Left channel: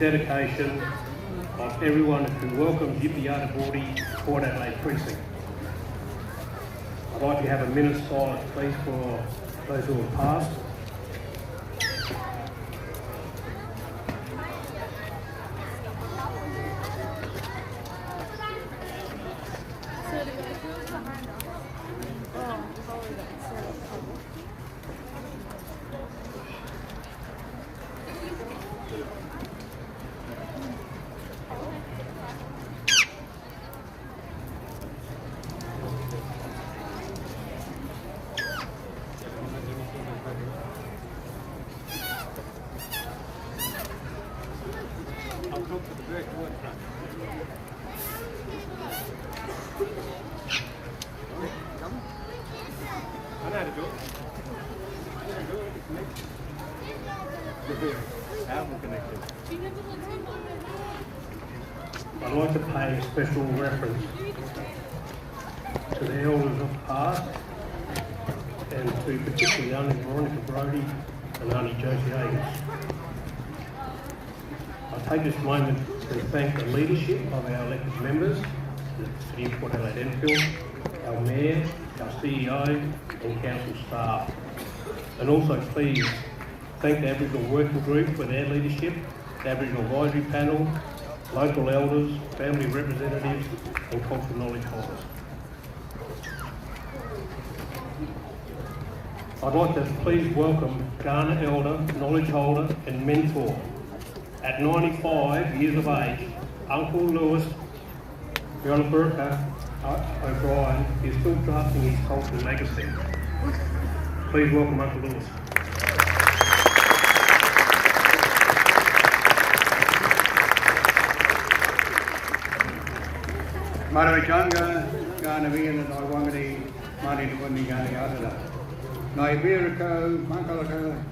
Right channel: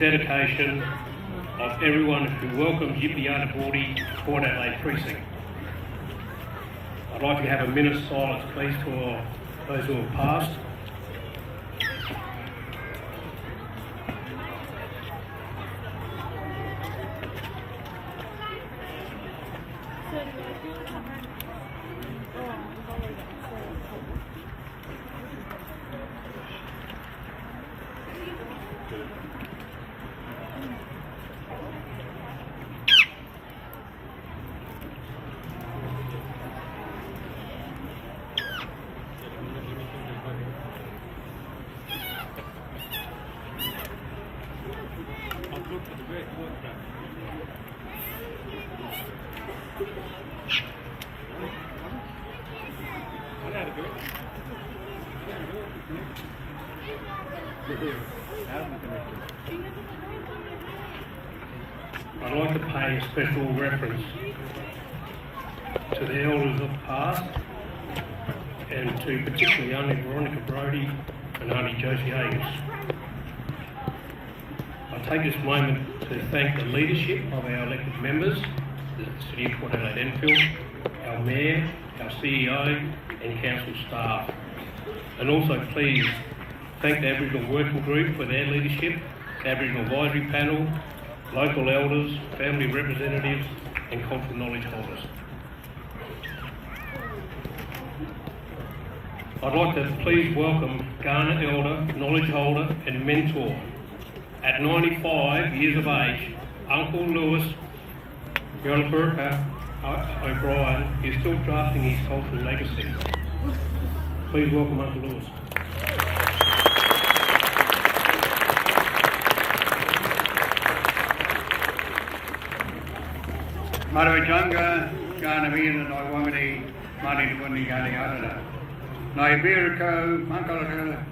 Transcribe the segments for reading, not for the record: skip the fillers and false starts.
dedication of everyone who welcomes Yitpi Yartapuultiku Port Adelaide Precinct. I'd like to have a minute's silence, please, for those who have passed. I'd like to pay a special reference to the elders of the past and to particularly only Veronica Brody and only Josie Agnes. I take this moment to thank the leadership of our elected members, the City of Port Adelaide Enfield, our Mayor, our CEO and Council staff. And also please thank the Aboriginal Working Group for their leadership, the Aboriginal Advisory Panel, local elders, family representatives and cultural knowledge holders. I'd like to please welcome Kaurna elder, knowledge holder and mentor. At 95 years of age, Uncle Lewis Yartapuultiku O'Brien is still drafting his cultural legacy. Please welcome Uncle Lewis. Marawajanga, Ganavina, Nawani, Mani Kundi Gani, Naibiriko, Mankalaka,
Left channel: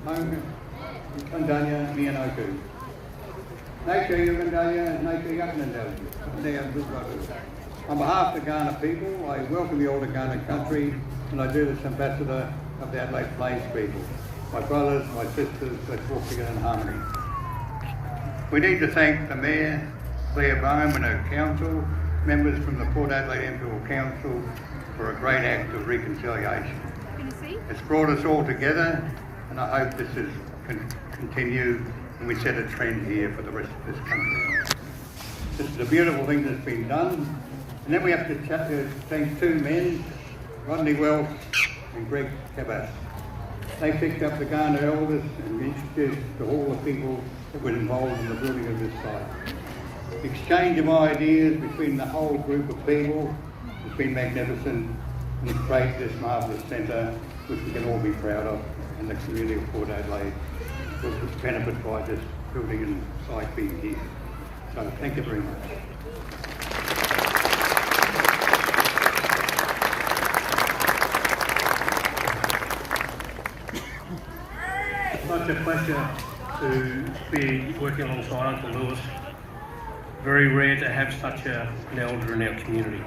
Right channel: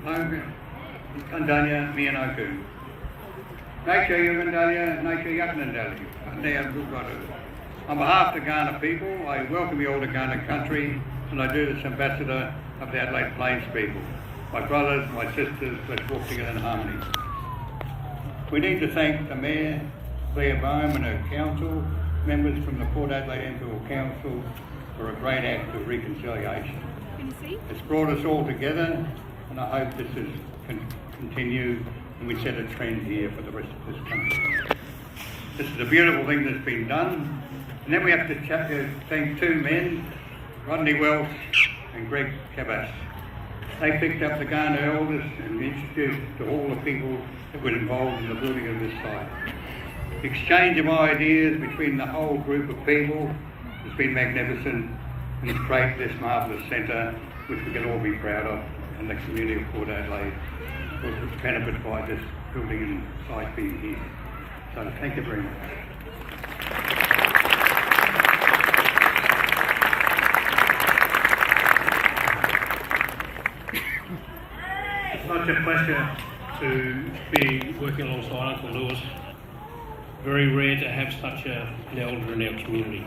Kandanya, Mianoku. Nature Yavandanya, Nature Yaknandali, they are good brothers. On behalf of the Ghana people, I welcome you all to Ghana country, and I do this ambassador of the Adelaide Plains people. My brothers, my sisters, let's walk together in harmony. We need to thank the Mayor, Claire Bohm and her council, members from the Port Adelaide Enfield Council for a great act of reconciliation. It's brought us all together, and I hope this is continue and we set a trend here for the rest of this country. This is a beautiful thing that's been done. And then we have to thank two men, Rodney Welsh and Greg Cabas. They picked up the Ghana elders and introduced to all the people that were involved in the building of this site. The exchange of ideas between the whole group of people has been magnificent and it's created this marvellous centre which we can all be proud of, and the community of Port Adelaide will benefit by this building and site being here. So thank you very much. It's such a pleasure to be working alongside Uncle Lewis. Very rare to have such an elder in our community.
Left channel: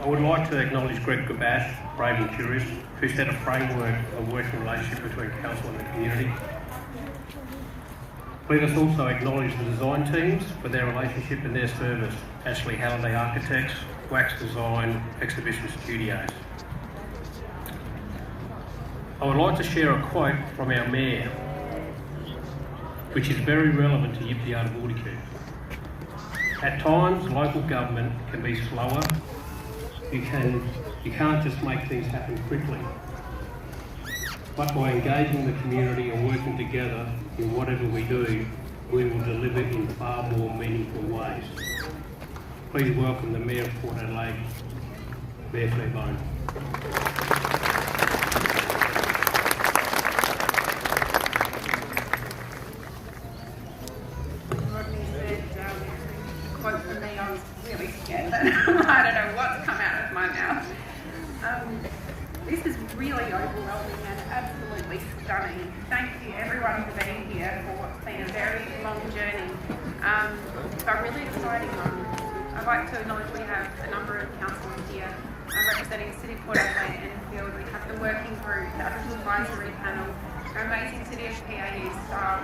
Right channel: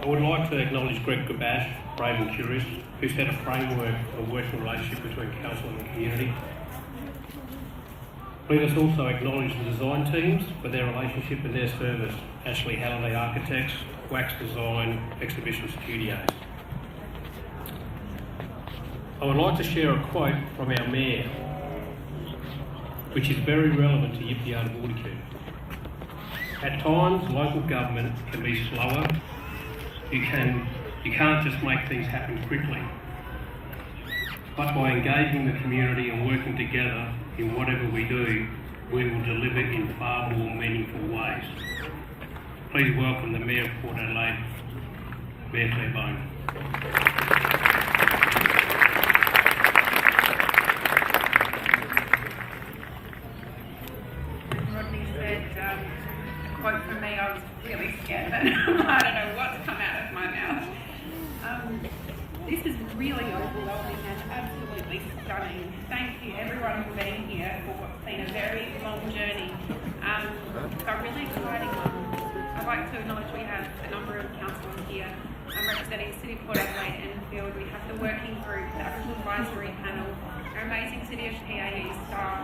I would like to acknowledge Greg Gabash, brave and curious, who set a framework of working relationship between council and the community. Let us also acknowledge the design teams for their relationship and their service. Ashley Halliday Architects, Wax Design, Exhibition Studios. I would like to share a quote from our Mayor, which is very relevant to Yitpi Yartapuultiku. At times, local government can be slower. You can't just make things happen quickly. But by engaging the community and working together in whatever we do, we will deliver in far more meaningful ways. Please welcome the Mayor of Port Adelaide, Mayor Claire Bohm. Quote from me, I was really scared. I don't know what's come out of my mouth. This is really overwhelming and absolutely stunning. Thank you everyone for being here for what's been a very long journey, but a really exciting one. I'd like to acknowledge we have a number of councillors here representing City Port Adelaide Enfield. We have the working group, the Aboriginal Advisory Panel, our amazing City of PAE staff.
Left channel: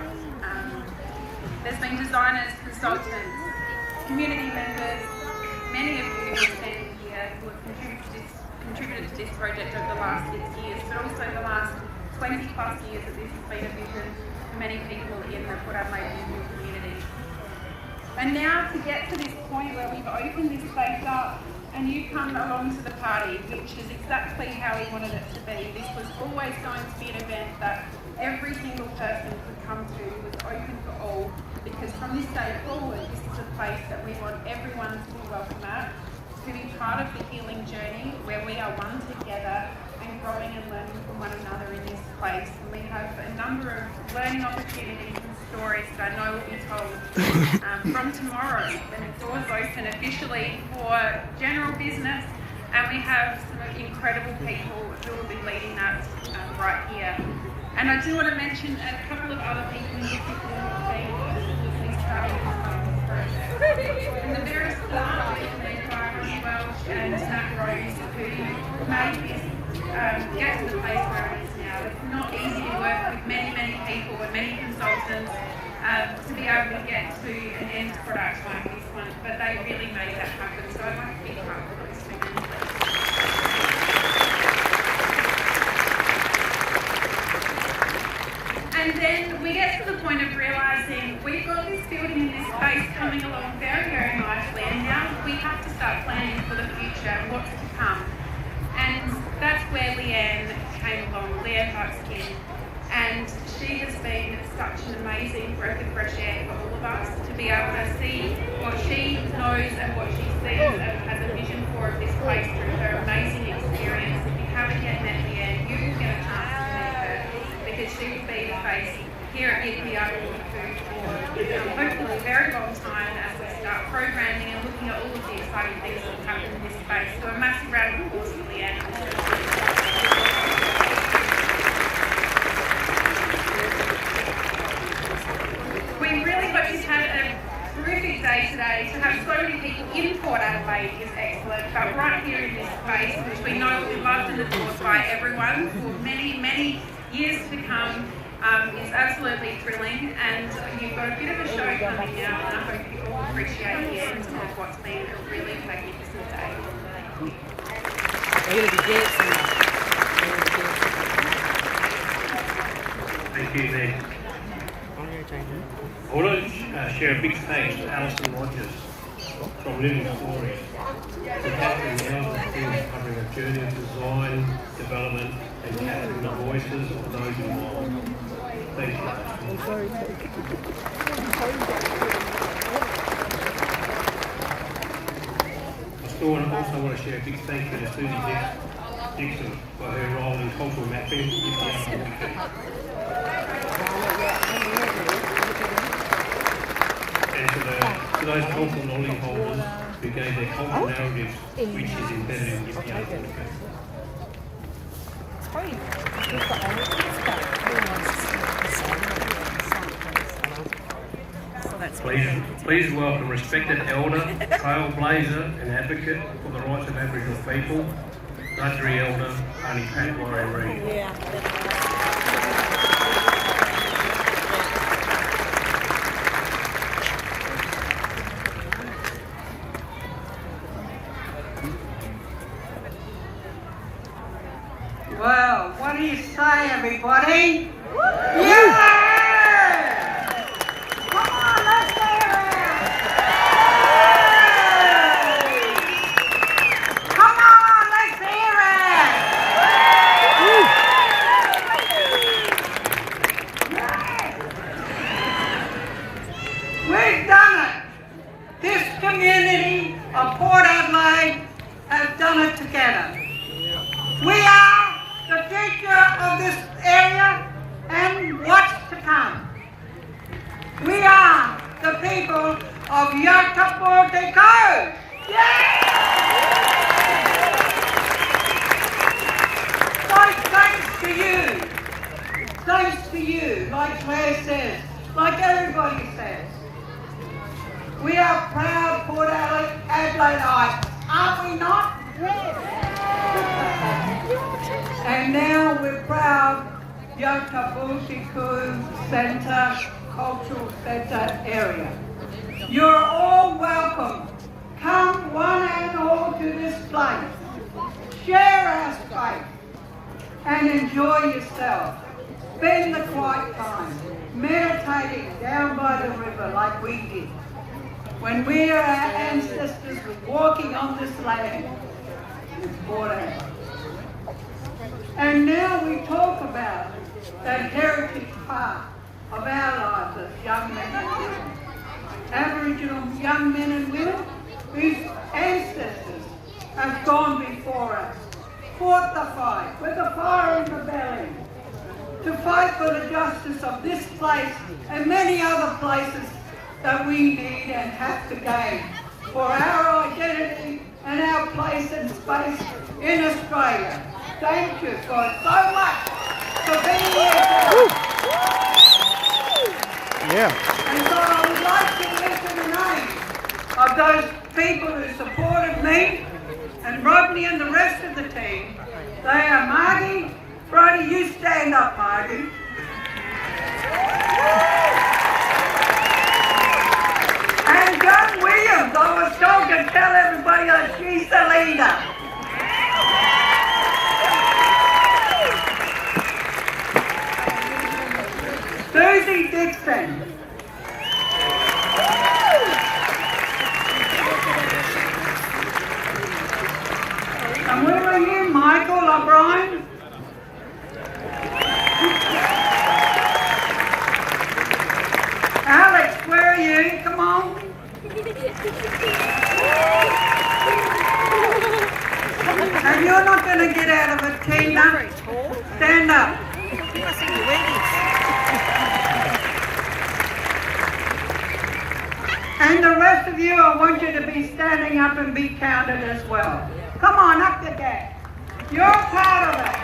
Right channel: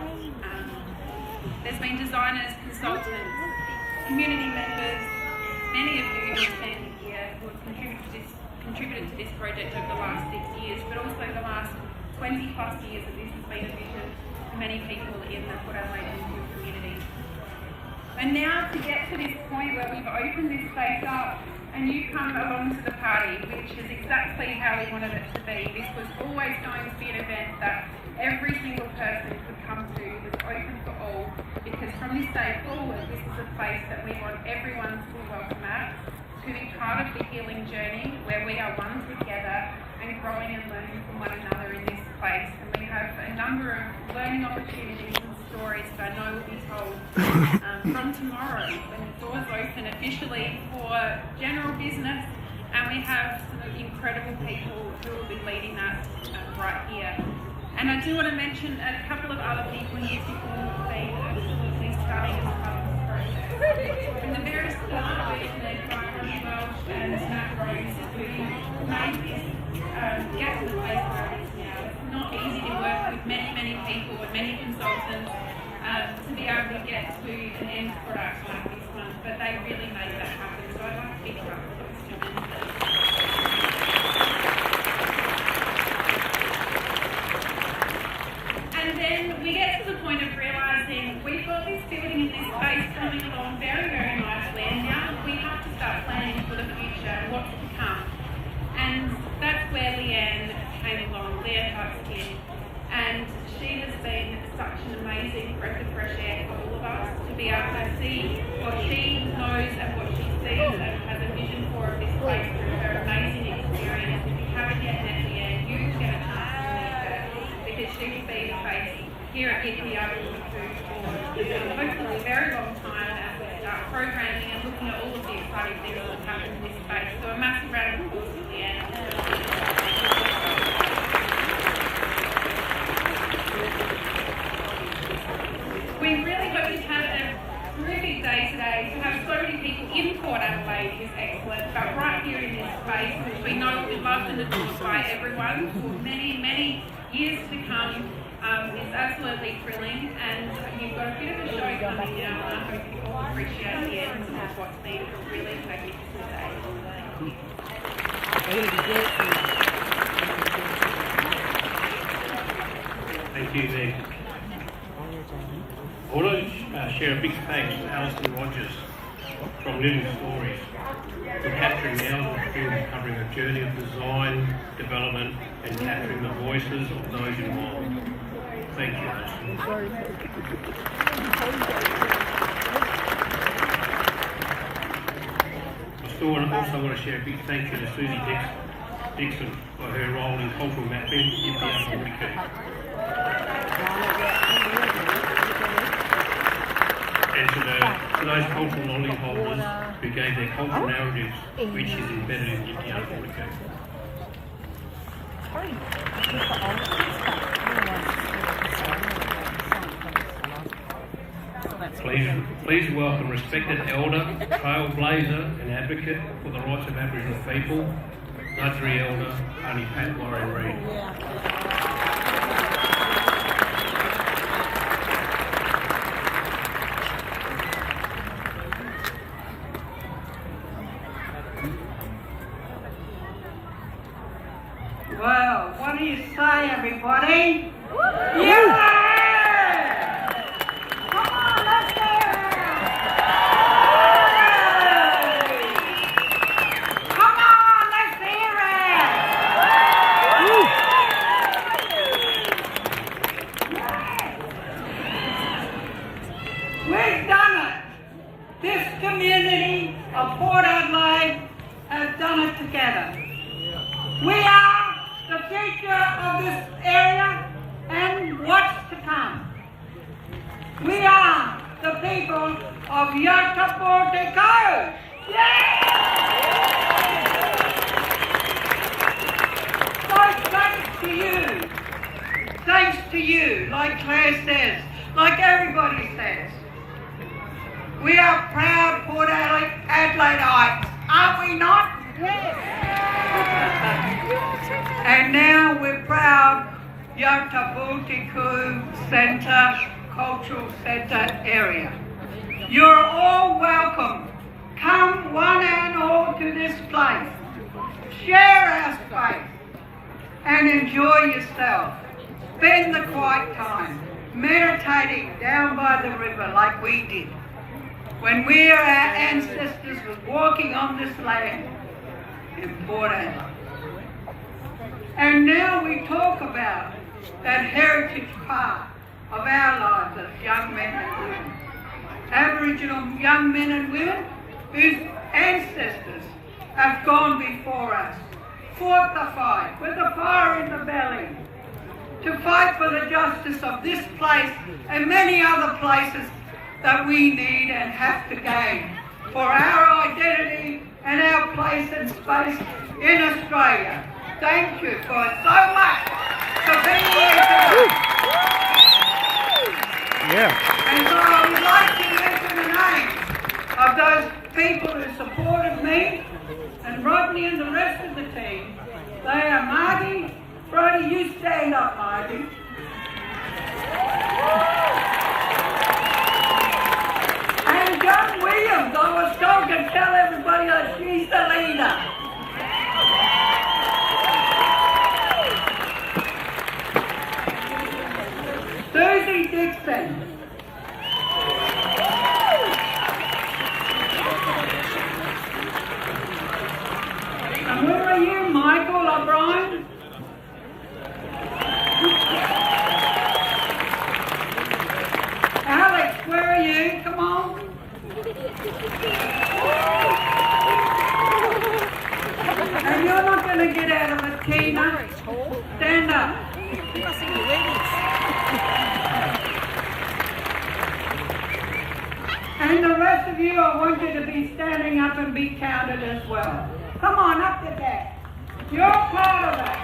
There's been designers, consultants, community members, many of you who have been here who have contributed to this project over the last 6 years, but also the last 20 plus years that this has been a vision for many people in the Port Adelaide community. And now to get to this point where we've opened this space up and you come along to the party, which is exactly how we wanted it to be. This was always going to be an event that every single person could come to, was open for all, because from this day forward, this is a place that we want everyone to be welcome at, to be part of the healing journey where we are one together and growing and learning from one another in this place. And we have a number of learning opportunities and stories that I know will be told from tomorrow when the doors open officially for general business, and we have some incredible people who will be leading that right here. And I do want to mention a couple of other people in this in the very start, we had Carly Welsh and Matt Rose, who made this get to the place where it is now. It's not easy to work with many people and many consultants to be able to get to an end product like this one, but they really made that happen. So I'd like to big clap for those two men. And then we get to the point of realising we've got this building, this space coming along very nicely, and now we have to start planning for the future and what's to come. And that's where Leanne came along, Leanne Buxton, and she has been such an amazing breath of fresh air for all of us to be able to see what she knows and what she sees and has a vision for of this place through her amazing experience. If you haven't yet met Leanne, you will get a chance to meet her, because she's been a face here at Yartapuultiku for hopefully a very long time as we start programming and looking at all of the exciting things that will happen in this space. So a massive round of applause for Leanne. We really hope you've had a terrific day today. To have so many people in Port Adelaide is excellent, but right here in this space, which we know will be loved and adored by everyone for many years to come, is absolutely thrilling, and you've got a bit of a show coming out, and I hope you all appreciate the essence of what's been a really magnificent day. Thank you, Meg. I want to share a big thanks to Alison Rogers from Living Stories for capturing thousands of films covering a journey of design, development and capturing the voices of those involved. Thank you, Alison. I also want to share a big thank you to Susie Dixon for her role in cultural mapping, Yitpi. And to those cultural knowledge holders who gave their cultural narratives, which is embedded in Yartapuultiku. Please welcome respected elder, trailblazer and advocate for the rights of Aboriginal people, Guthrie Elder, Honey Pat Warren Reid. Well, what do you say, everybody? Yeah! Come on, let's hear it! Come on, let's hear it! We've done it! This community of Port Adelaide has done it together. We are the future of this area and what's to come. We are the people of Yartapuultiku. Yeah! So thanks to you, like Claire says, like everybody says. We are proud Port Adelaideite, aren't we not? Yes. And now we're proud Yartapuultiku Centre, Cultural Centre area. You're all welcome. Come one and all to this place. Share our space and enjoy yourself. Spend the quiet time meditating down by the river like we did when our ancestors were walking on this land in Port Adelaide. And now we talk about that heritage part of our lives as young men and women. Aboriginal young men and women whose ancestors have gone before us, fought the fight with a fire in the belly to fight for the justice of this place and many other places that we need and have to gain for our identity and our place and space in Australia. Thank you for so much for being here today. Yeah. And so I would like to mention the names of those people who supported me and Rodney and the rest of the team. They are Marty. Brody, you stand up, Marty. And John Williams, I was told to tell everybody that she's the leader. Susie Dixon. And where are you, Michael O'Brien? Alex, where are you? Come on. And you're not going to get out of it, Tina. Stand up. And the rest of you, I want you to be standing up and be counted as well. Come on, up the deck. You're part of it.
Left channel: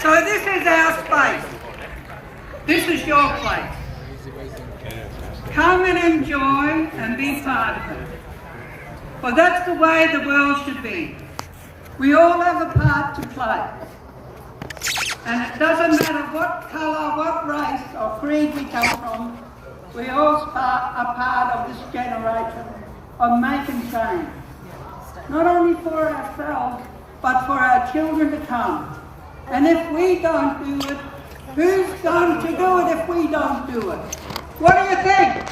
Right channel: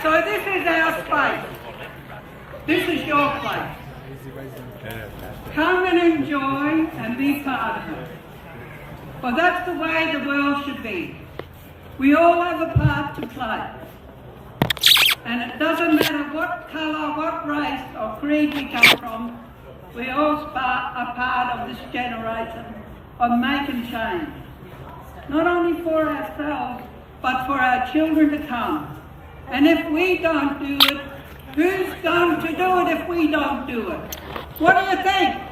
So this is our space. This is your place. Come and enjoy and be part of it. Well, that's the way the world should be. We all have a part to play. And it doesn't matter what colour, what race or creed we come from, we all are part of this generation of making change. Not only for ourselves, but for our children to come. And if we don't do it, who's going to do it if we don't do it? What do you think?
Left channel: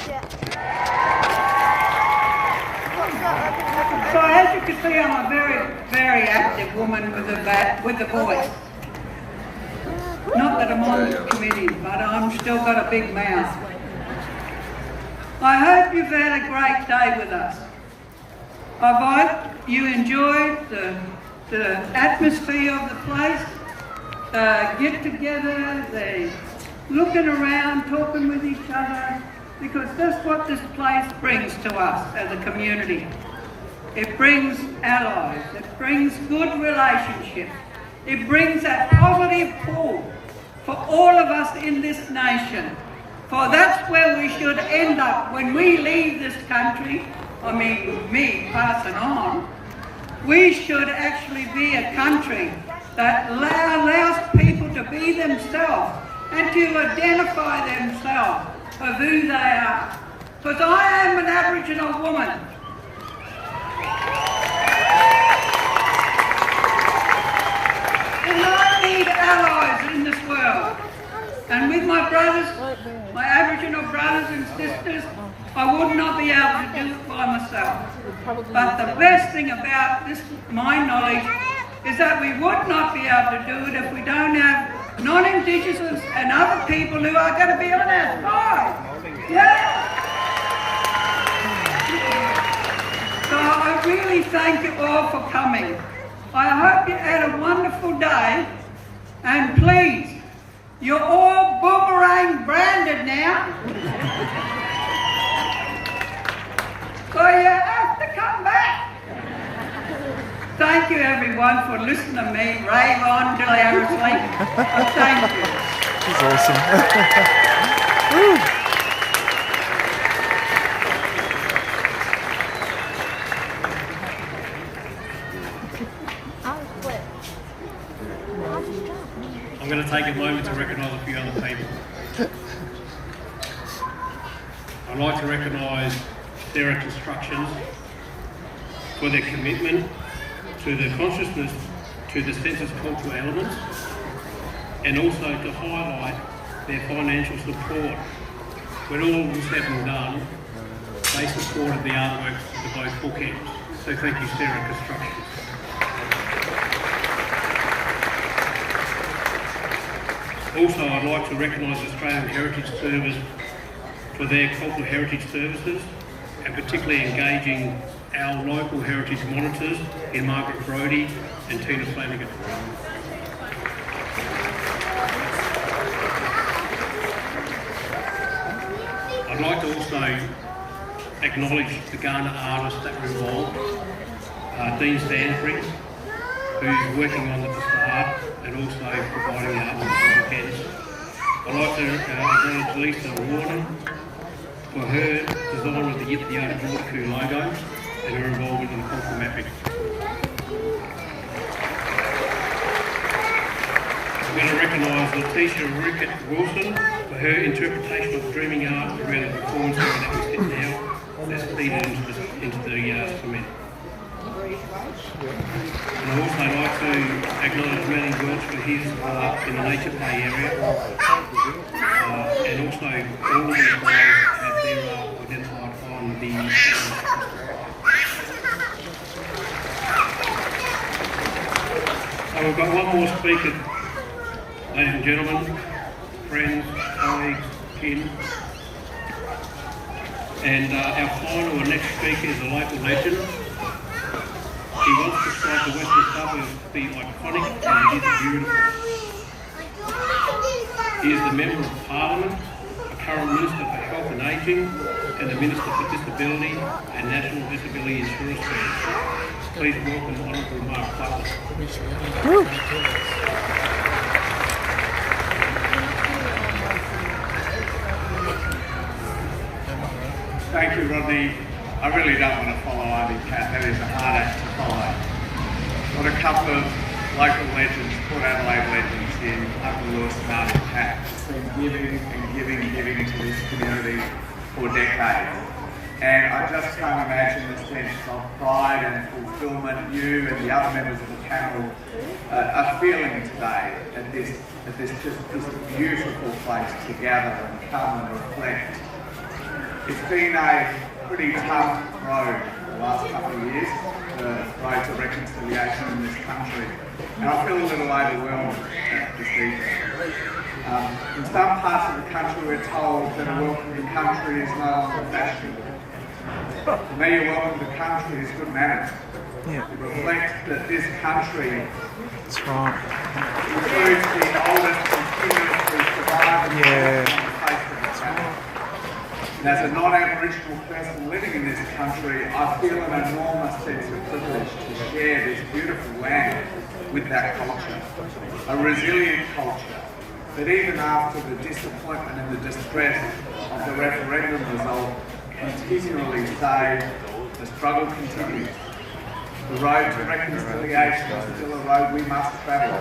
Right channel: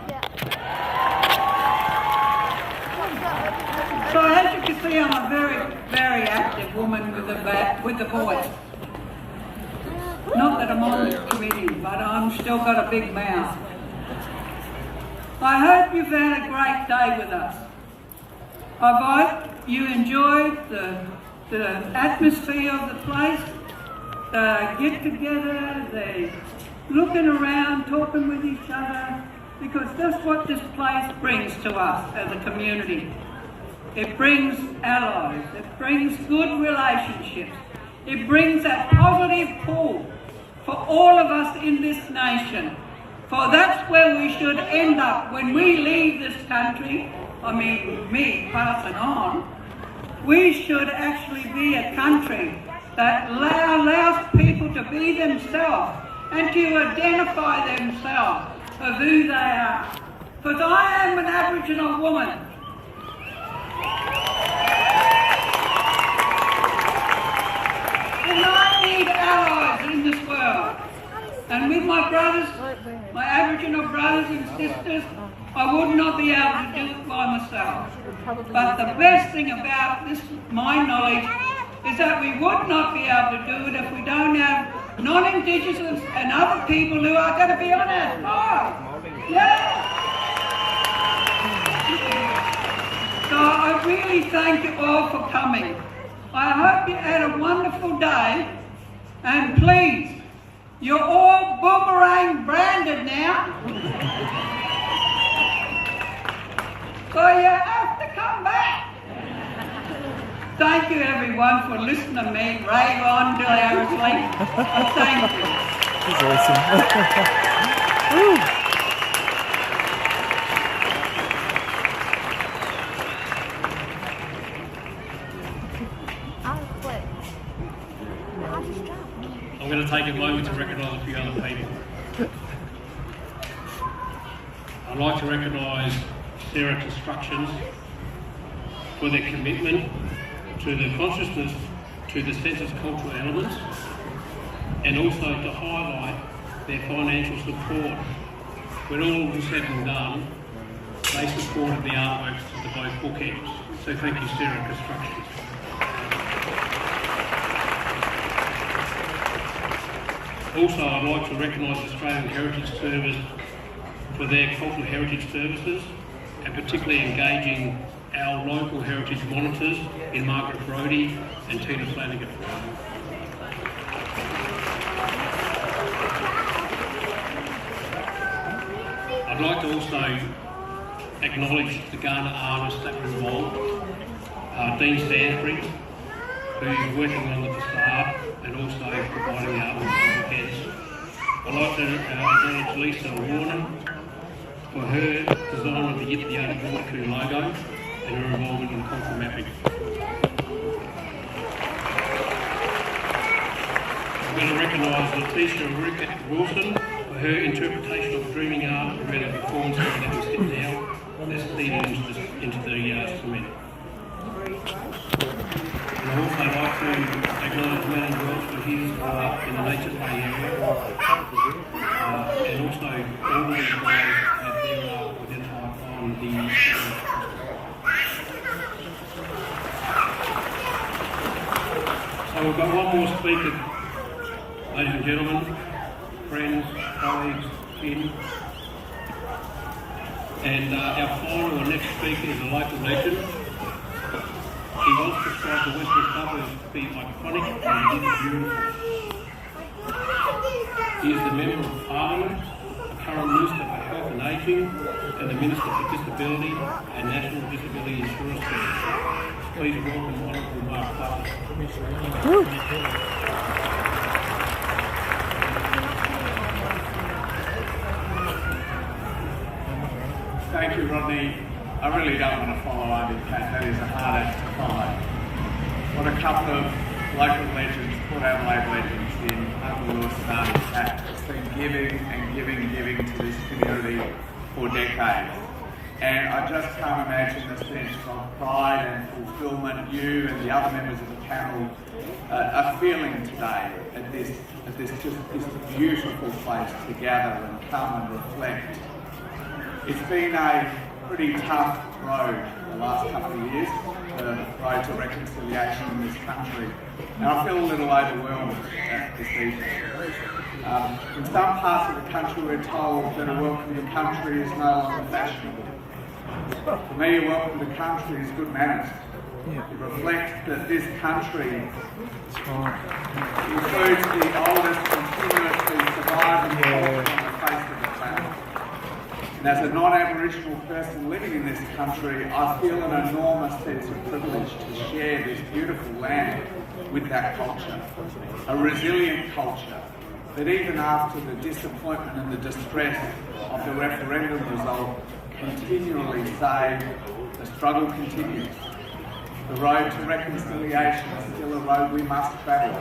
So as you can see, I'm a very, very active woman with a voice. Not that I'm on this committee, but I'm still got a big mouth. I hope you've had a great day with us. I hope you enjoyed the atmosphere of the place. Get together, they looking around, talking with each other, because that's what this place brings to us as a community. It brings allies, it brings good relationships, it brings a positive pull for all of us in this nation. For that's where we should end up when we leave this country. I mean, me passing on, we should actually be a country that allows people to be themselves and to identify themselves for who they are. Because I am an Aboriginal woman. And I need allies in this world. And with my brothers, my Aboriginal brothers and sisters, I would not be able to do it by myself. But the best thing about this, my knowledge, is that we would not be able to do it if we don't have non-Indigenous and other people who are going to be on our side. Yeah. So I really thank you all for coming. I hope you had a wonderful day, and please, you're all boomerang branded now. So you have to come back. So thank you everyone for listening to me rave on till I was asleep. Thank you. She's awesome. Woo. I'm going to take a moment to recognise a few other people. I'd like to recognise Sarah Constructions for their commitment to the consciousness to the census cultural elements, and also to highlight their financial support. When all was said and done, they supported the artworks of both bookends. So thank you, Sarah Constructions. Also, I'd like to recognise Australian Heritage Service for their cultural heritage services, and particularly engaging our local heritage monitors in Margaret Brodie and Tina Flanagan. I'd like to also acknowledge the Ghana artists that were involved. Dean Stanford, who's working on the facade and also providing art on the weekends. I'd like to acknowledge Lisa Warner for her design of the Yartapuultiku logo and her involvement in cultural mapping. I'm going to recognise Letitia Wilson for her interpretation of dreaming art around the performance that we sit now that's feeding into the cement. And I'd also like to acknowledge Madam George for his work in the nature play area, and also all the employees that their art was identified on the So we've got one more speaker, ladies and gentlemen, friends, colleagues, kin. And our final and next speaker is a local legend. He wants to describe the western suburbs to be iconic and it is beautiful. He is the Member of Parliament, a current Minister for Health and Ageing, and the Minister for Disability and National Disability Insurance Service. Please welcome Honourable Mark Butler. Thank you, Rodney. I really don't want to follow Ivy Cat. That is a hard act to follow. Got a couple of local legends, Port Adelaide legends in Upper Lewis and Ivy Cat. It's been giving and giving and giving to this community for decades. And I just can't imagine the sense of pride and fulfilment you and the other members of the panel are feeling today at this beautiful place to gather and come and reflect. It's been a pretty tough road the last couple of years, the road to reconciliation in this country. And I feel a little overwhelmed at this evening. In some parts of the country we're told that a welcome to the country is no longer fashionable. For me, a welcome to the country is good manners. Yeah. It reflects that this country That's right. includes the oldest continuously surviving on the face of the planet. And as a non-Aboriginal person living in this country, I feel an enormous sense of privilege to share this beautiful land with that culture. A resilient culture that even after the disappointment and the distress of the referendum result continually say the struggle continues. The road to reconciliation is still a road we must travel.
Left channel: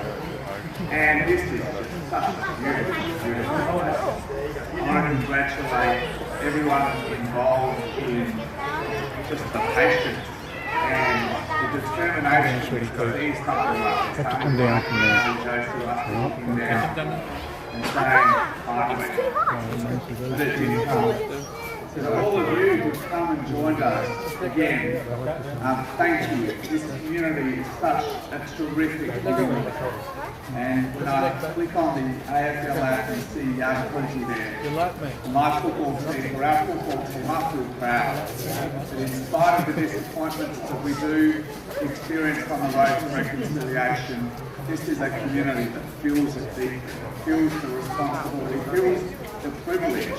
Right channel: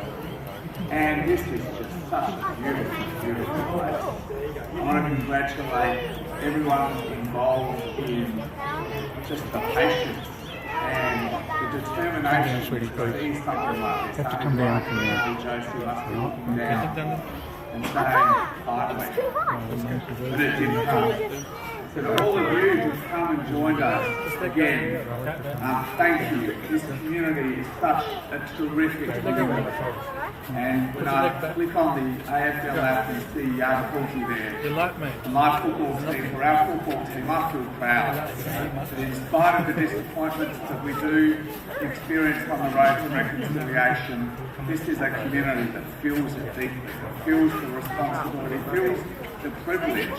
And this is just such a beautiful, beautiful place. I want to congratulate everyone involved in just the patience and the determination to see something like this. Have to come down from there. And saying, finally, that it did come. So all of you who've come and joined us again, thank you. This community is such a terrific community. And click on the AFL app and see Yartapuultiku there. You like me? And my football team, for our football team, I feel proud that in spite of the disappointments that we do experience on the road to reconciliation, this is a community that feels it deeply, feels the responsibility, feels the privilege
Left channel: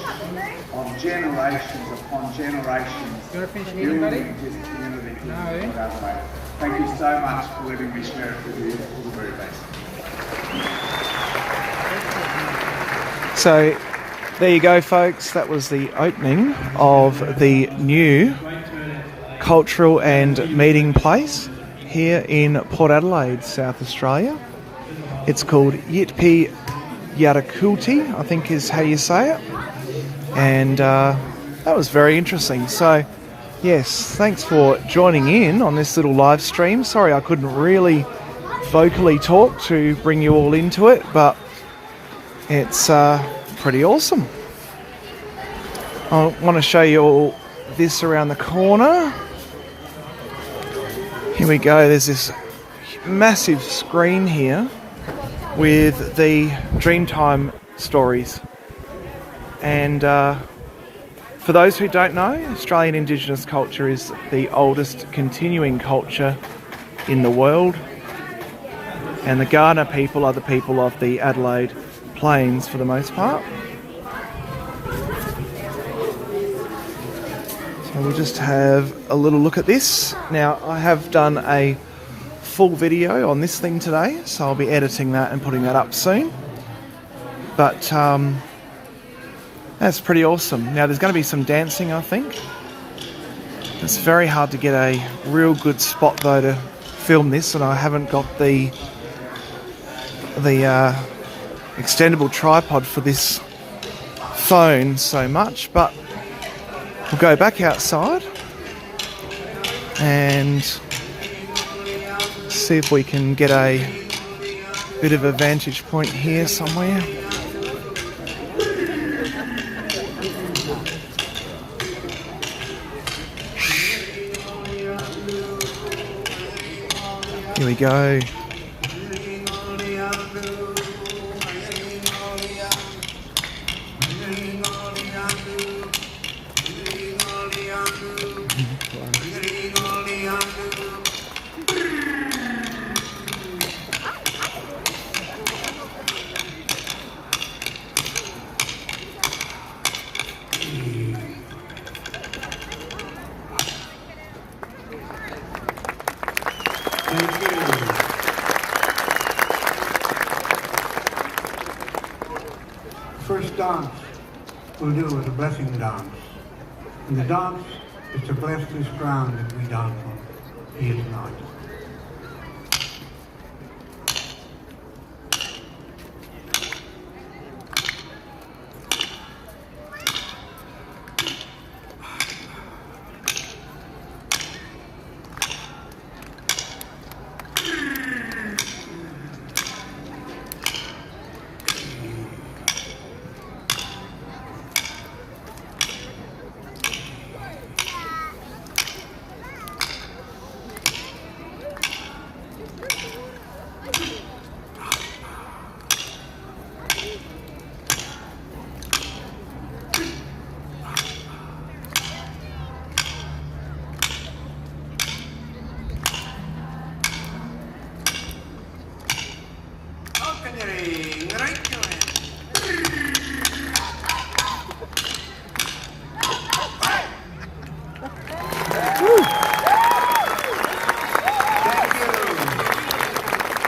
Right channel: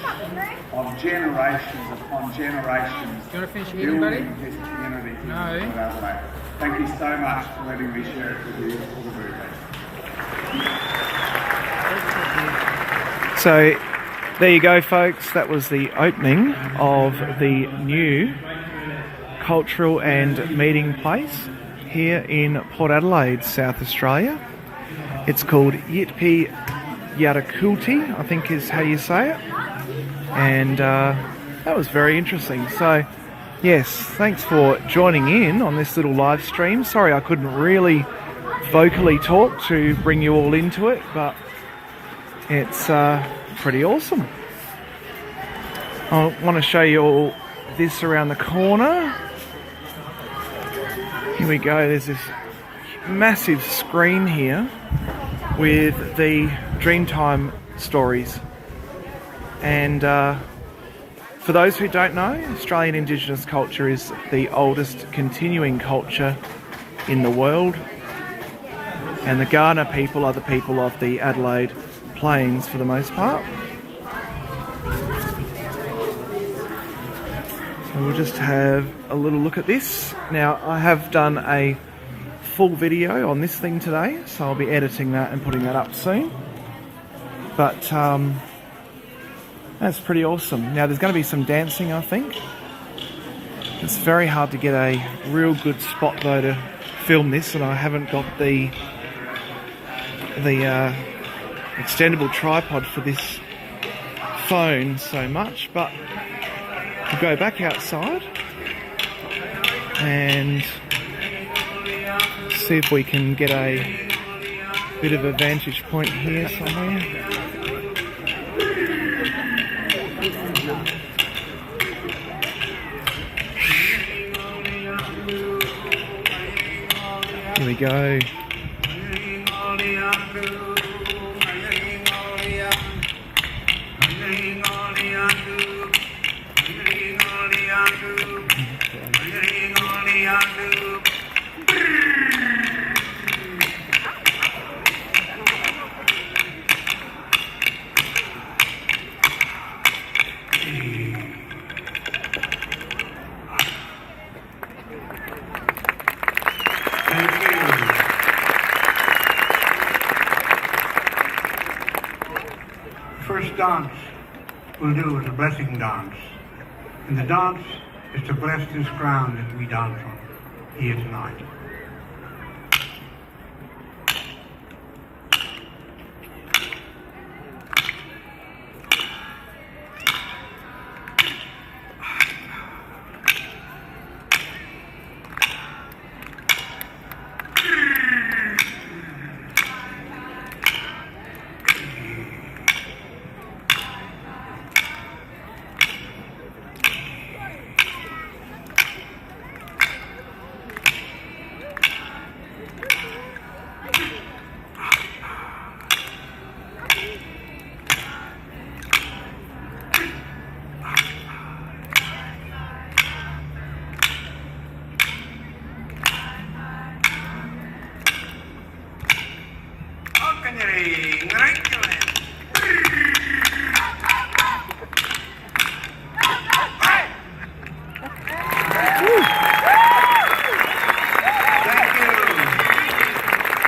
of generations upon generations. You want to finish eating, buddy? No. Thank you so much for letting me share it with you. All the very best. So there you go, folks. That was the opening of the new cultural and meeting place here in Port Adelaide, South Australia. It's called Yitpi Yartapuultiku, I think is how you say it. And that was very interesting. So, yes, thanks for joining in on this little live stream. Sorry I couldn't really vocally talk to bring you all into it, but it's pretty awesome. I want to show you all this around the corner. Here we go. There's this massive screen here with the Dreamtime stories. And for those who don't know, Australian Indigenous culture is the oldest continuing culture in the world. And the Kaurna people are the people of the Adelaide Plains for the most part. So we'll just have a little look at this. Now, I have done a full video on this thing today, so I'll be editing that and putting that up soon. But that's pretty awesome. Now, there's going to be some dancing, I think. It's very hard to get a real good spot, though, to film this, and I haven't got the extendable tripod for this phone so much, but we'll go back outside and see if we can get a bit of a vantage point here somewhere. Here we go. First dance we'll do is a blessing dance. And the dance is to bless this ground that we dance on here tonight.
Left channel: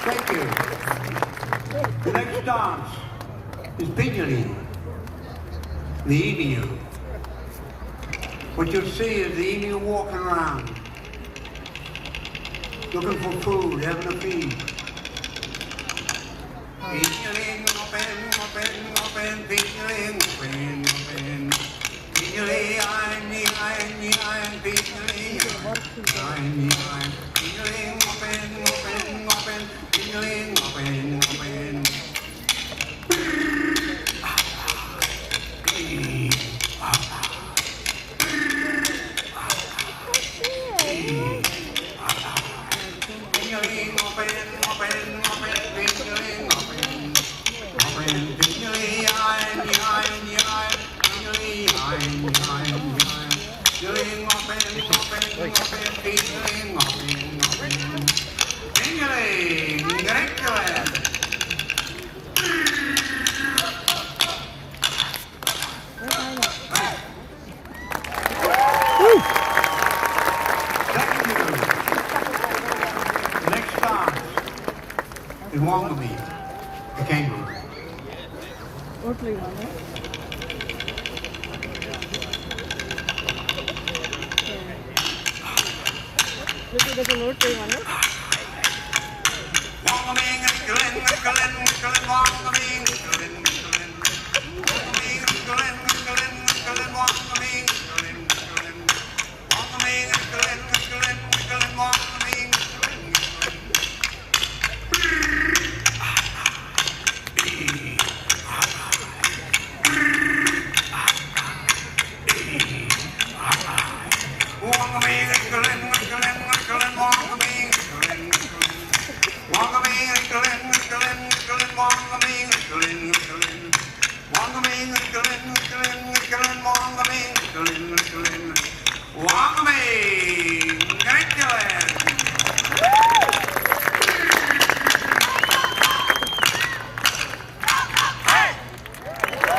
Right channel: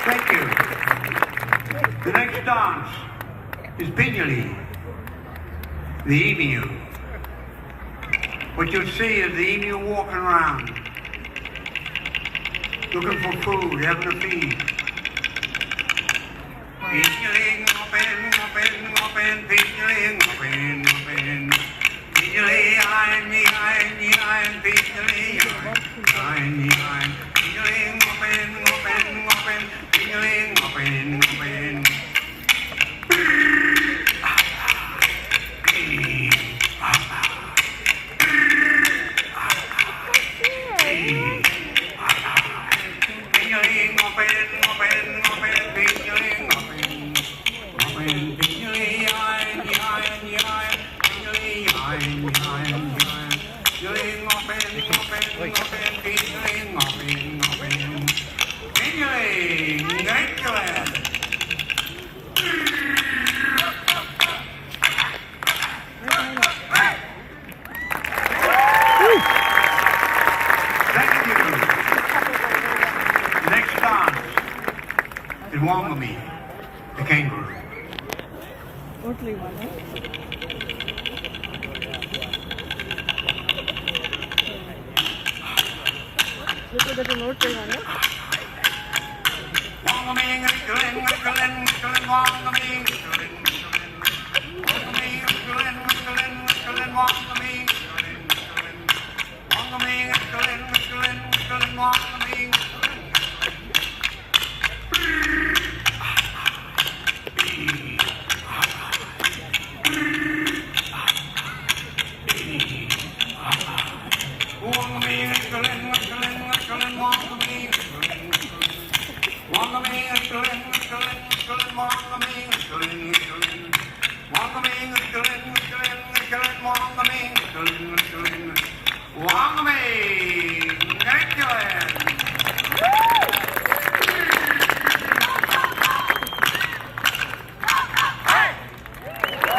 Thank you. The next dance is Pinyali, the emu. What you'll see is the emu walking around, looking for food, having a feed. Pinyali, open, Pinyali, open. Pinyali, iron, Pinyali, iron. Pinyali, open, Pinyali, open. Open. everyone, eh? Look at the note going on, eh?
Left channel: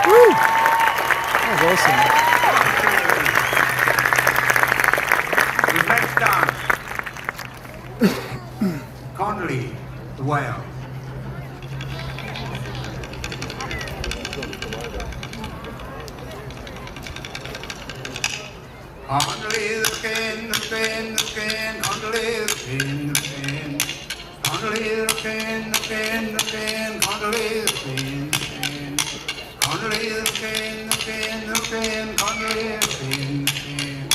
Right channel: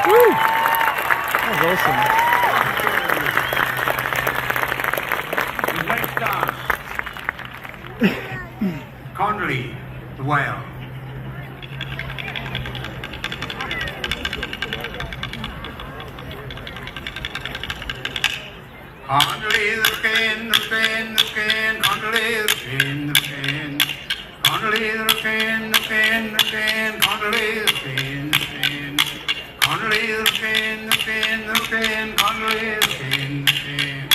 Woo! That was awesome. The next dance. Connolly, the whale. Connolly the pin, the pin, the pin, Connolly the pin, the pin. Connolly the pin, the pin, the pin, Connolly the pin, the pin. Connolly the pin, the pin, the pin, Connolly the pin, the pin.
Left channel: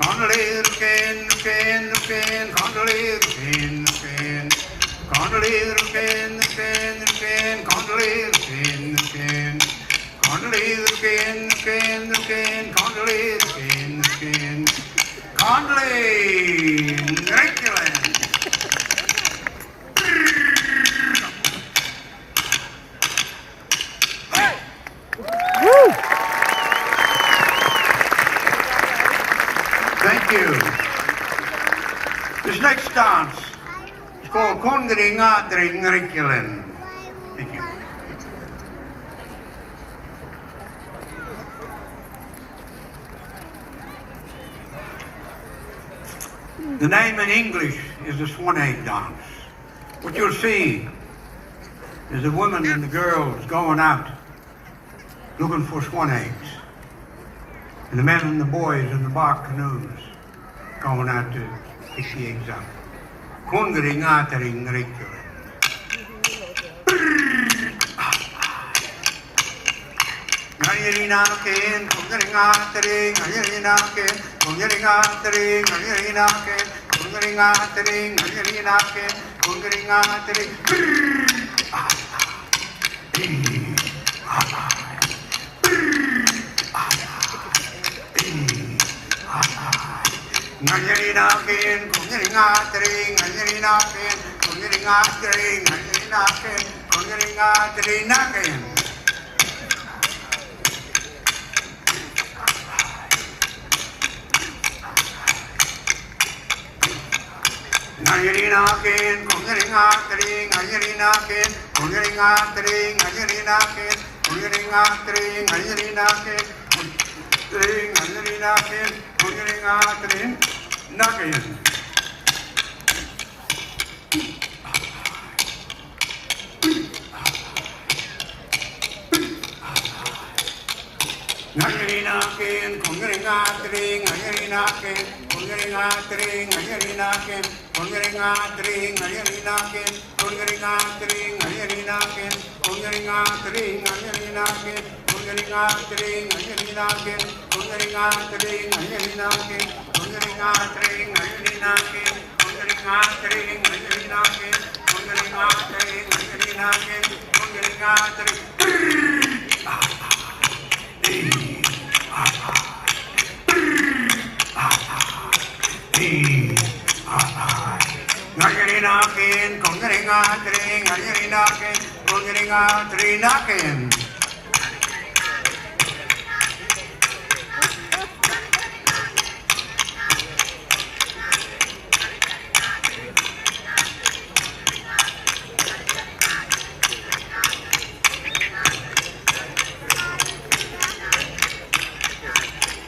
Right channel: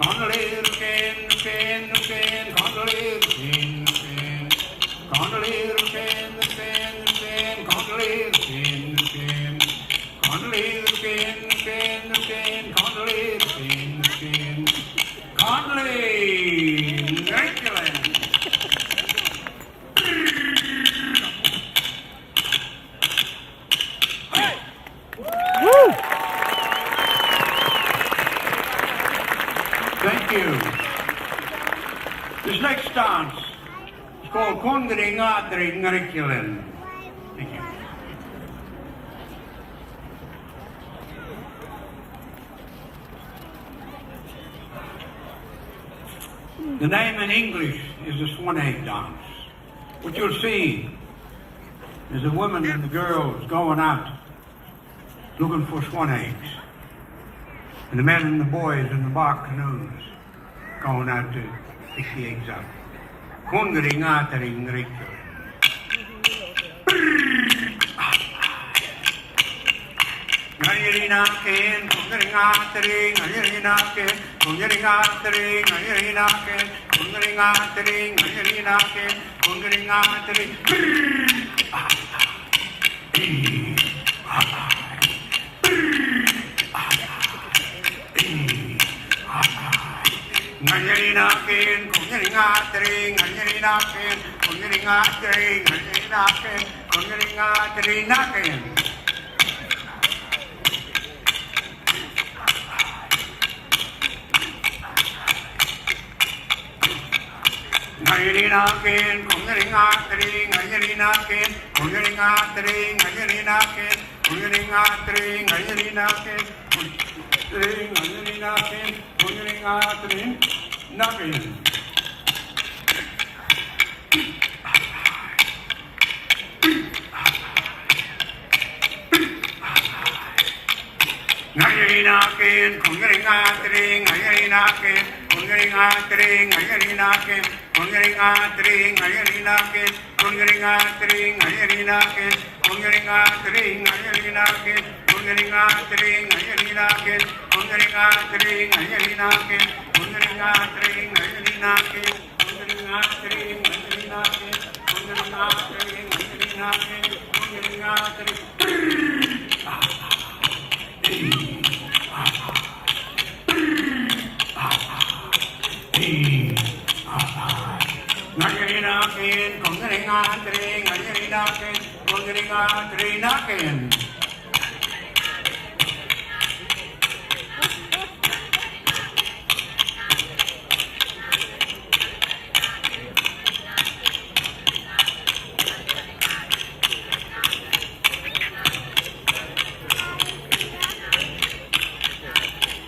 Connolly the pin, the pin, the pin, Connolly the pin, the pin. Connolly the pin, the pin, the pin, Connolly the pin, the pin. Connolly the pin, the pin, the pin, Connolly the pin, the pin. Connolly, Dracula. Woo! Thank you. This next dance is called Kundringa Dringrikulen. Thank you. The name in English is the Swan Egg Dance. What you'll see is the women and the girls going out looking for swan eggs. And the men and the boys in the bark canoes going out to pick the eggs up. Kundringa Dringrikulen. Ngayirinakin, kundringatering, ngayirinakin, kundringatering, ngayirinakin, kundringatering, ngayirinakin, kundringatering. Ngayirinakin, kundringatering, ngayirinakin, kundringatering, ngayirinakin, kundringatering. Ngayirinakin, kundringatering, ngayirinakin, kundringatering, ngayirinakin, kundringatering, ngayirinakin, ngayirinakin, kundringatering, nakin. Ngayirinakin, kundringatering, ngayirinakin, kundringatering, ngayirinakin, kundringatering, ngayirinakin, kundringatering, ngayirinakin, kundringatering, ngayirinakin, kundringatering, ngayirinakin, kundringatering, ngayirinakin, kundringatering, ngayirinakin, kundringatering, ngayirinakin, kundringatering, ngayirinakin, kundringatering. Ngayirinakin, kundringatering, ngayirinakin, kundringatering.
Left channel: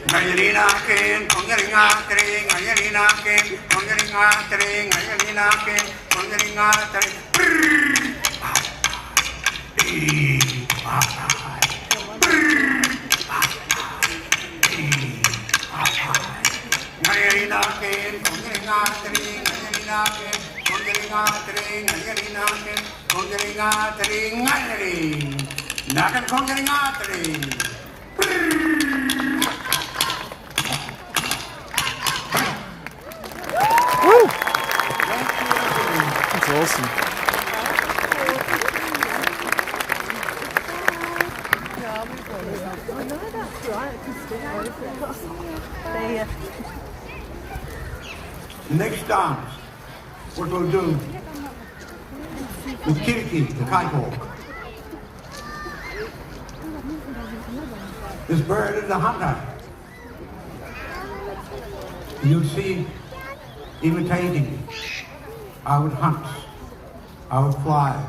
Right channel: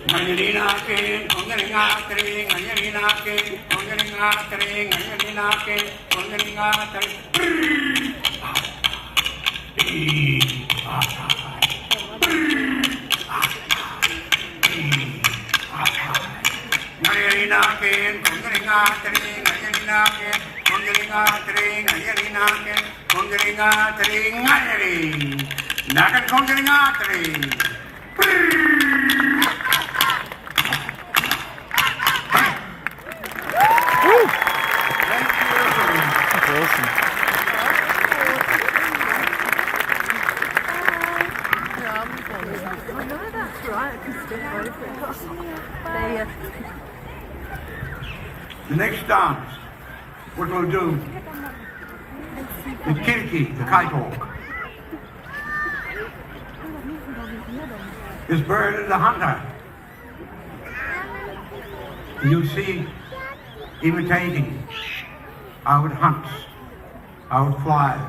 Ngayirinakin, Woo! That's awesome. The next dance, what we'll do, the kiriki, the kite-hawk. This bird is a hunter. You'll see imitating how it hunts, how it flies,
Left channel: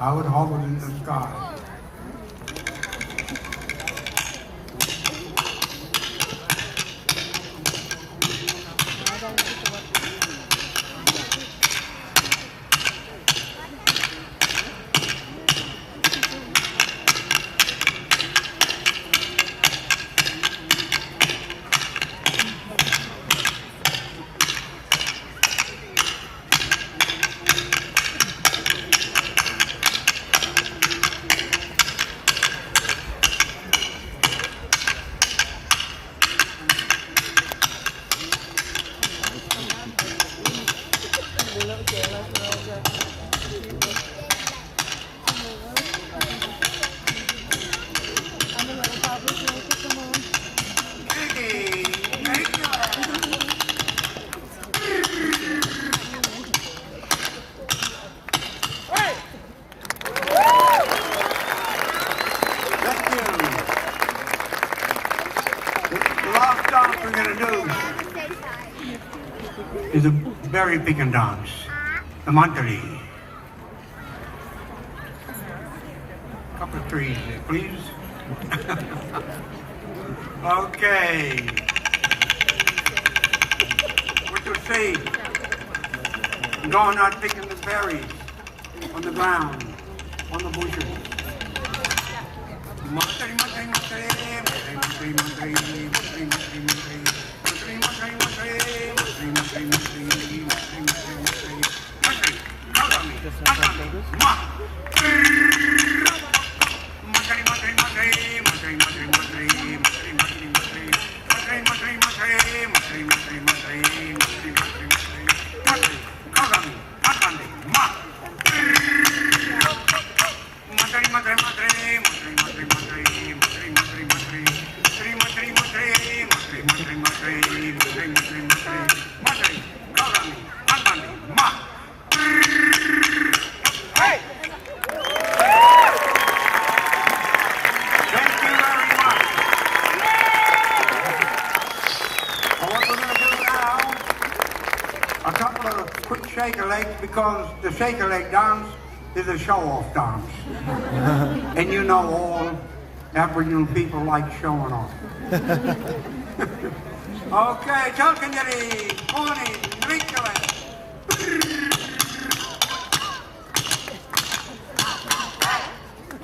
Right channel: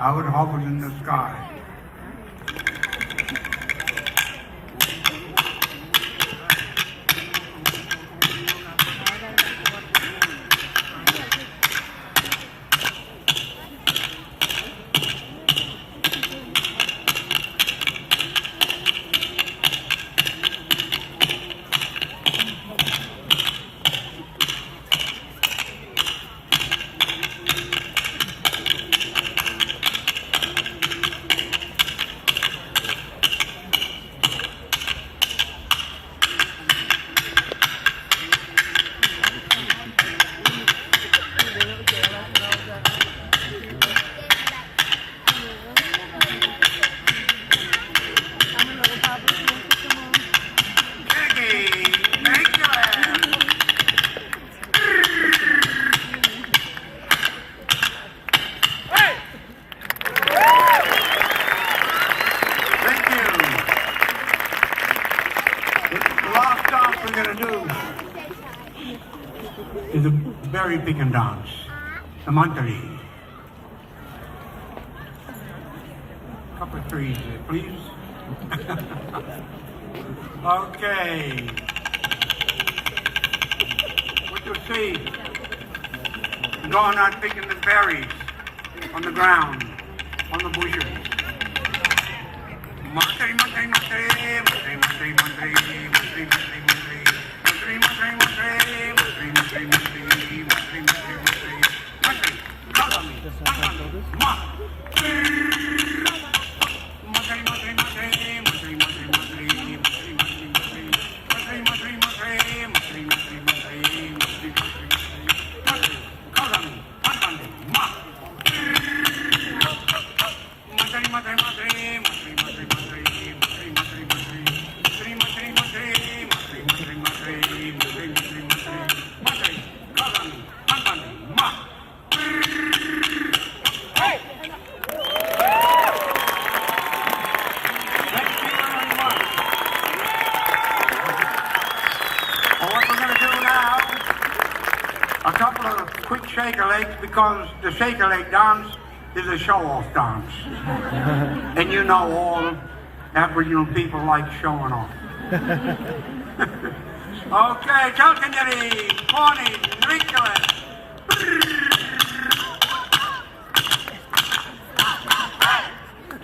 how it hovers in the sky. Is a very big dance, a mantari. Couple of trees here, please. Okay. What you see? Going out picking the berries on the ground, on the bushes. Mantari, mantari, mantari, mantari, mantari, mantari, mantari, mantari, mantari. Because the shaker leg dance is a show-off dance. And you know all Aboriginal people like showing off. Okay, Chalkandiri, morning, Rinkelet.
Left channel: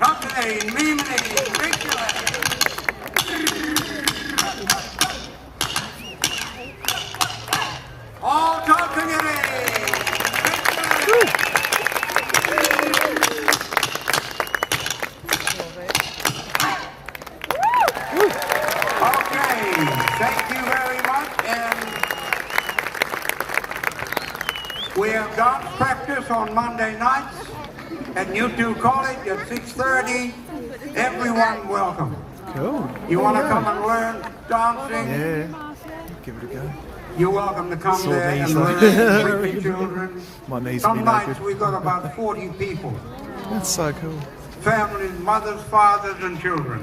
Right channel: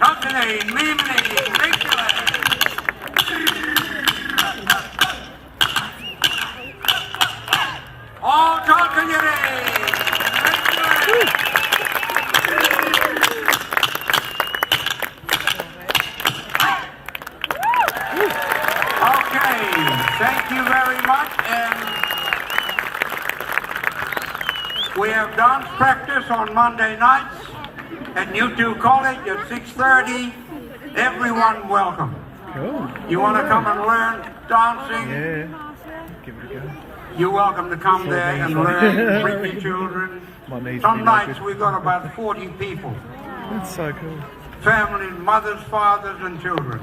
Chalkandiri, Mimini, Rinkelet. All Chalkandiri. Thank you very much, and we have dance practice on Monday nights at U2 College at 6:30. Everyone welcome. Cool. You want to come and learn dancing? Yeah. Give it a go. You're welcome to come Sore there and knees. learn with the children. My knees Some will be nights naked. we've got about 40 people. That's so cool. Families, mothers, fathers, and children.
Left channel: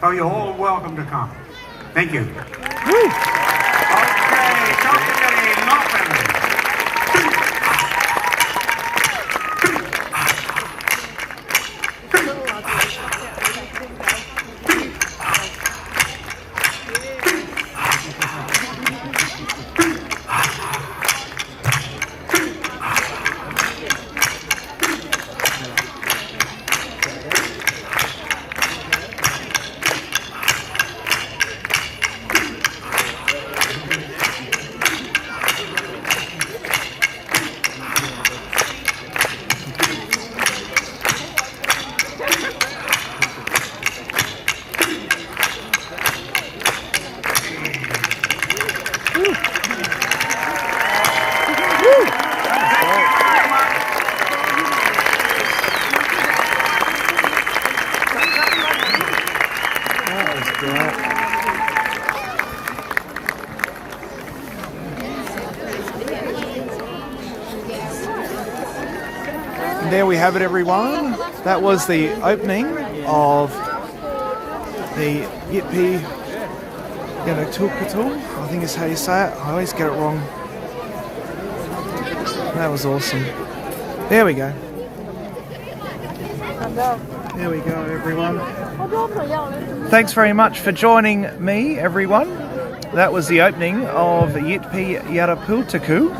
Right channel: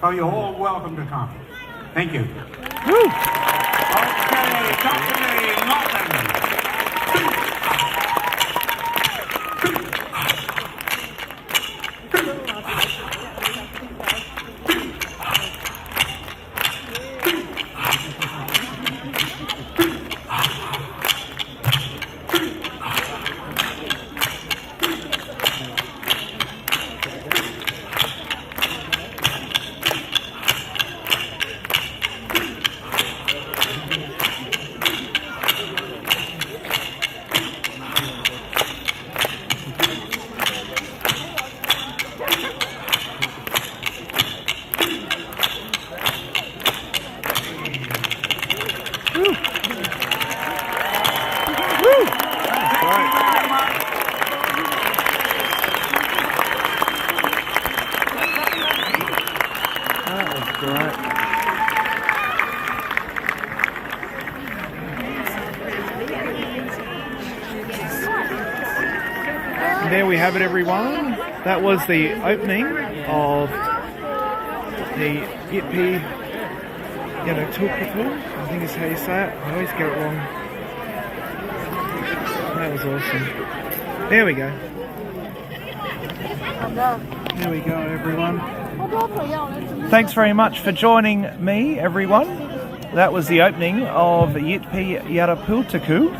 So you're all welcome to come. Thank you. Woo! Okay, company, nothing. There we have it, everyone. That was the opening of the Yitpi Yartapuultiku, I think is how you say it. I always get it wrong. That was awesome. There we go. There we go, everyone. Thanks very much for joining me, everyone. That was the opening of Yitpi Yartapuultiku.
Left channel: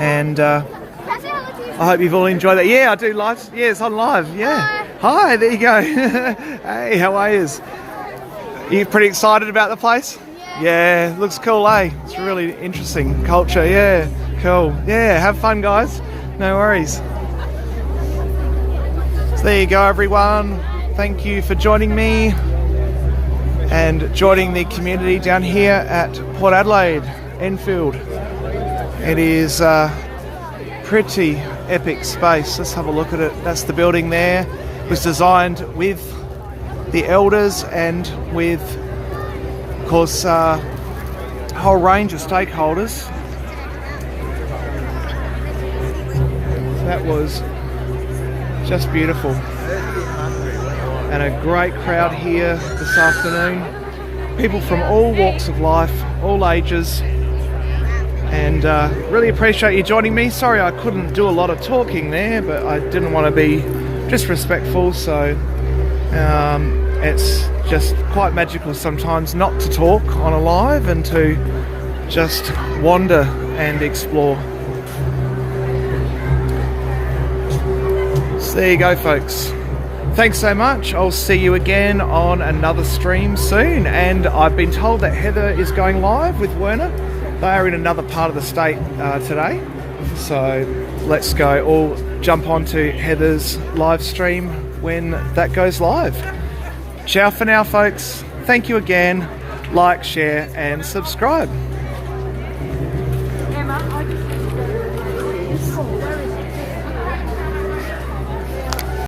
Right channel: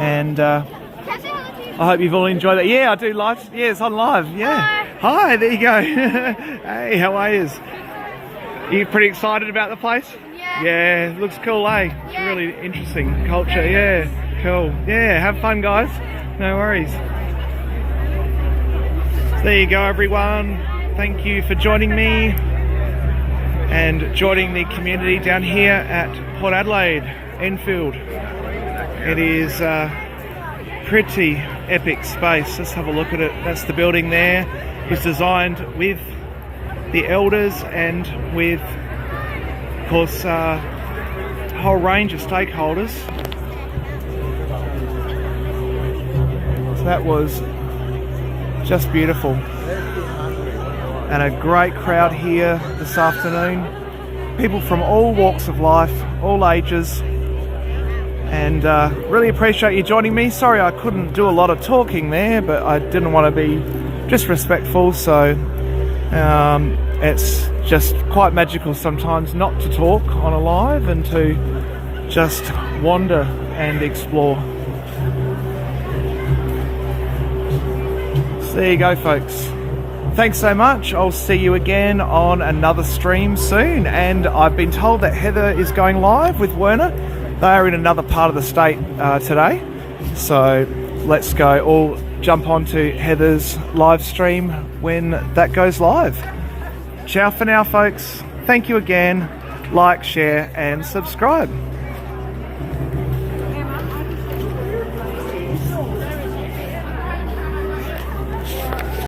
And I hope you've all enjoyed that. Yeah, I do live. Yeah, it's on live. Yeah. Hi, there you go. Hey, how are you? Are you pretty excited about the place? Yeah, looks cool, eh? It's really interesting culture. Yeah, cool. Yeah, have fun, guys. No worries. So there you go, everyone. Thank you for joining me and joining the community down here at Port Adelaide, Enfield. It is a pretty epic space. Let's have a look at it. That's the building there. It was designed with the elders and with, of course, a whole range of stakeholders. That was just beautiful. And a great crowd here this afternoon. People from all walks of life, all ages. And really appreciate you joining me. Sorry I couldn't do a lot of talking there, but I didn't want to be disrespectful, so it's just quite magical sometimes not to talk on a live and to just wander and explore. So there you go, folks. Thanks so much. I'll see you again on another stream soon. And I've been told that Heather is going live with Werner. They are in another part of the state today. So let's go all jump onto Heather's live stream when that goes live. Ciao for now, folks. Thank you again. Like, share and subscribe.